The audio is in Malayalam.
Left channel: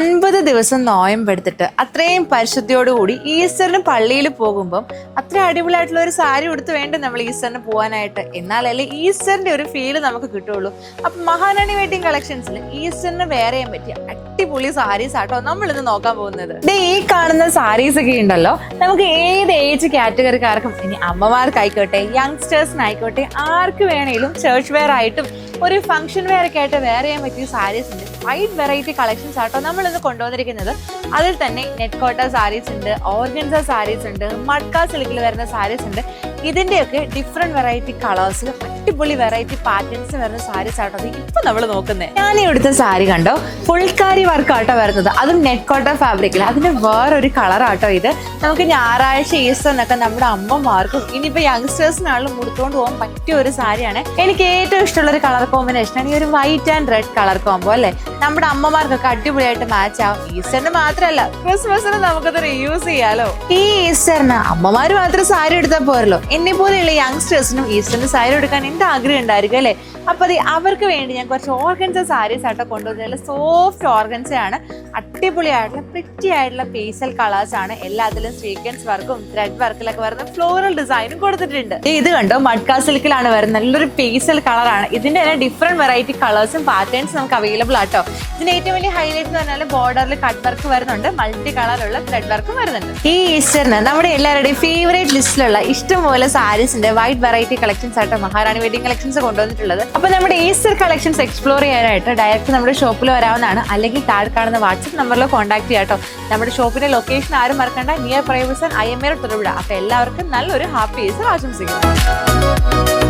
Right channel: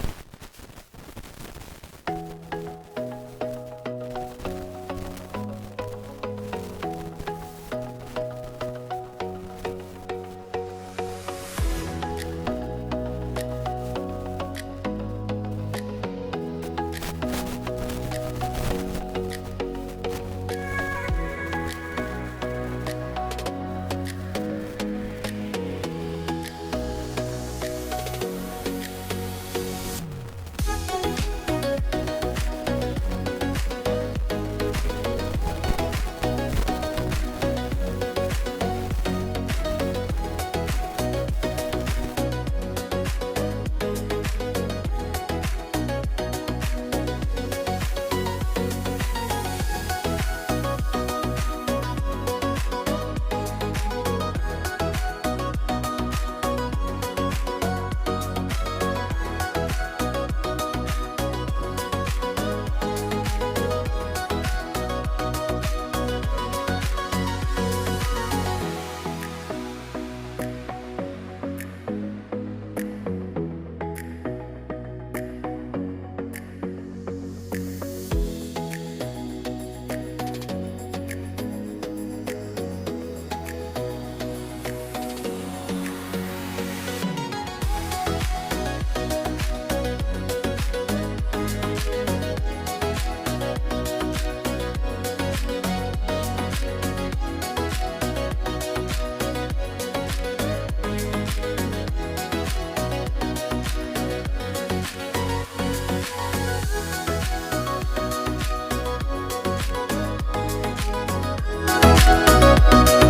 50 ദിവസം നോയമ്പെടുത്തിട്ട് അത്രയും പരിശുദ്ധിയോടുകൂടി ഈസ്റ്ററിന് പള്ളിയിൽ പോകുമ്പം അത്ര അടിപൊളിയായിട്ടുള്ള ഒരു സാരി ഉടുത്ത് വേണ്ട നമ്മൾ ഈസ്റ്ററിന് പോകാനായിട്ട്. എന്നാലല്ലേ ഈസ്റ്ററിന്റെ ഒരു ഫീല് നമുക്ക് കിട്ടുള്ളൂ. അപ്പൊ മഹാറാണി വെഡിങ് കളക്ഷൻസിൽ ഈസ്റ്ററിന് വേറെ പറ്റിയ അടിപൊളി സാരീസ് ആട്ടോ നമ്മൾ ഇന്ന് നോക്കാൻ പോകുന്നത്. ഈ കാണുന്ന സാരീസ് ഒക്കെ ഉണ്ടല്ലോ, നമുക്ക് ഏത് ഏജ് കാറ്റഗറിക്കാർക്കും, ഇനി അമ്മമാർക്കായിക്കോട്ടെ യങ്സ്റ്റേഴ്സിനായിക്കോട്ടെ ആർക്ക് വേണേലും ചർച്ച് വെയർ ആയിട്ടും ഒരു ഫംഗ്ഷൻ വെയർ ഒക്കെ ആയിട്ട് വേറെ ചെയ്യാൻ പറ്റിയ സാരീസ് ഉണ്ട്. വൈഡ് വെറൈറ്റി കളക്ഷൻസ് ആട്ടോ നമ്മൾ ഇന്ന് കൊണ്ടുവന്നിരിക്കുന്നത്. അതിൽ തന്നെ നെറ്റ് കോട്ട സാരീസ് ഉണ്ട്, ഓർഗൻസ സാരീസ് ഉണ്ട്, മഡ്ക സിൽക്കിൽ വരുന്ന സാരീസ് ഉണ്ട്. ഇതിന്റെയൊക്കെ ഡിഫറെന്റ് വെറൈറ്റി കളേഴ്സിൽ അടിപൊളി വെറൈറ്റി പാറ്റേൺസ് വരുന്ന സാരീസ് ആട്ടോ ഇപ്പൊ നമ്മൾ നോക്കുന്നത്. ഞാൻ ഇവിടുത്തെ സാരി കണ്ടോ, ഫുൾക്കാരി വർക്ക് ആട്ടോ വരുന്നത്, അതും നെറ്റ് കോട്ട ഫാബ്രിക്കിൽ. അതിന്റെ വേറൊരു കളർ ആട്ടോ ഇത്. നമുക്ക് ഞായറാഴ്ച ഈസ്റ്ററിനൊക്കെ നമ്മുടെ അമ്മമാർക്കും ഇനിയിപ്പോ യങ്സ്റ്റേഴ്സിനാണെങ്കിലും കൊടുത്തുകൊണ്ട് പോകാൻ പറ്റിയ ഒരു സാരിയാണ്. എനിക്ക് ഏറ്റവും ഇഷ്ടമുള്ള ഒരു കളർ കോമ്പിനേഷനാണ് ഈ ഒരു white and red colour combo അല്ലെ. നമ്മുടെ അമ്മമാർക്കൊക്കെ അടിപൊളിയായിട്ട് മാച്ച് ആവും. ഈസ്റ്ററിന് മാത്രമല്ല ക്രിസ്മസിന് നമുക്കത് റീയൂസ് ചെയ്യാലോ. ഈ ഈസ്റ്ററിന് അമ്മമാര് മാത്രം സാരി എടുത്താൽ പോരല്ലോ, എന്നെ പോലെയുള്ള യങ്സ്റ്റേഴ്സിനും ഈസ്റ്ററിന് സാരി എടുക്കാൻ എന്റെ ആഗ്രഹം ഉണ്ടായിരിക്കും അല്ലെ. അപ്പൊ അവർക്ക് വേണ്ടി ഞാൻ കുറച്ച് ഓർഗൻസ സാരീസ് ആട്ടോ കൊണ്ടുവന്നത്. സോഫ്റ്റ് ഓർഗൻസ ആണ്, അടിപൊളിയായിട്ടുള്ള പ്രിറ്റി ആയിട്ടുള്ള പേസൽ കളേഴ്സ് ആണ്. എല്ലാത്തിലും സ്വീക്വൻസ് വർക്കും ത്രെഡ് വർക്കിലൊക്കെ വരുന്ന ഫ്ലോറൽ ഡിസൈനും കൊടുത്തിട്ടുണ്ട്. ഇത് കണ്ടോ, മഡ്ക സിൽക്കിലാണ് വരുന്നത്. നല്ലൊരു പേസൽ കളറാണ്. ഇതിന്റെ തന്നെ ഡിഫറെന്റ് വെറൈറ്റി കളേഴ്സും പാറ്റേൺസും നമുക്ക് അവൈലബിൾ ആട്ടോ. ഇതിന്റെ ഏറ്റവും വലിയ ഹൈലൈറ്റ് എന്ന് പറഞ്ഞാൽ ബോർഡറിൽ കട്ട് വർക്ക് വരുന്നുണ്ട്, മൾട്ടി കളറുള്ള ത്രെഡ് വർക്കും വരുന്നുണ്ട്. ഈ ഈസ്റ്ററിന് നമ്മുടെ എല്ലാവരുടെയും ഫേവറേറ്റ് ലിസ്റ്റിലുള്ള ഇഷ്ടംപോലെ സാരീസിന്റെ വൈഡ് വെറൈറ്റി കളക്ഷൻസ് ആട്ടോ മഹാറാണി വെഡിങ് കളക്ഷൻസ് കൊണ്ടുവന്നിട്ടുള്ളത്. അപ്പൊ നമ്മുടെ ഈസ്റ്റർ കളക്ഷൻസ് എക്സ്പ്ലോർ ചെയ്യാനായിട്ട് ഡയറക്റ്റ് നമ്മുടെ ഷോപ്പിൽ വരാവുന്നതാണ്, അല്ലെങ്കിൽ താഴെ കാണുന്ന വാട്സ്ആപ്പ് നമ്പറിൽ കോൺടാക്ട് ചെയ്യാട്ടോ. നമ്മുടെ ഷോപ്പിന്റെ ലൊക്കേഷൻ ആരും മറക്കണ്ട, നിയർ പ്രൈവസൺ IMA തൊടുപുഴ. അപ്പൊ എല്ലാവർക്കും നല്ലൊരു ഹാപ്പി ഈസ്റ്റർ ആശംസിക്കുന്നു.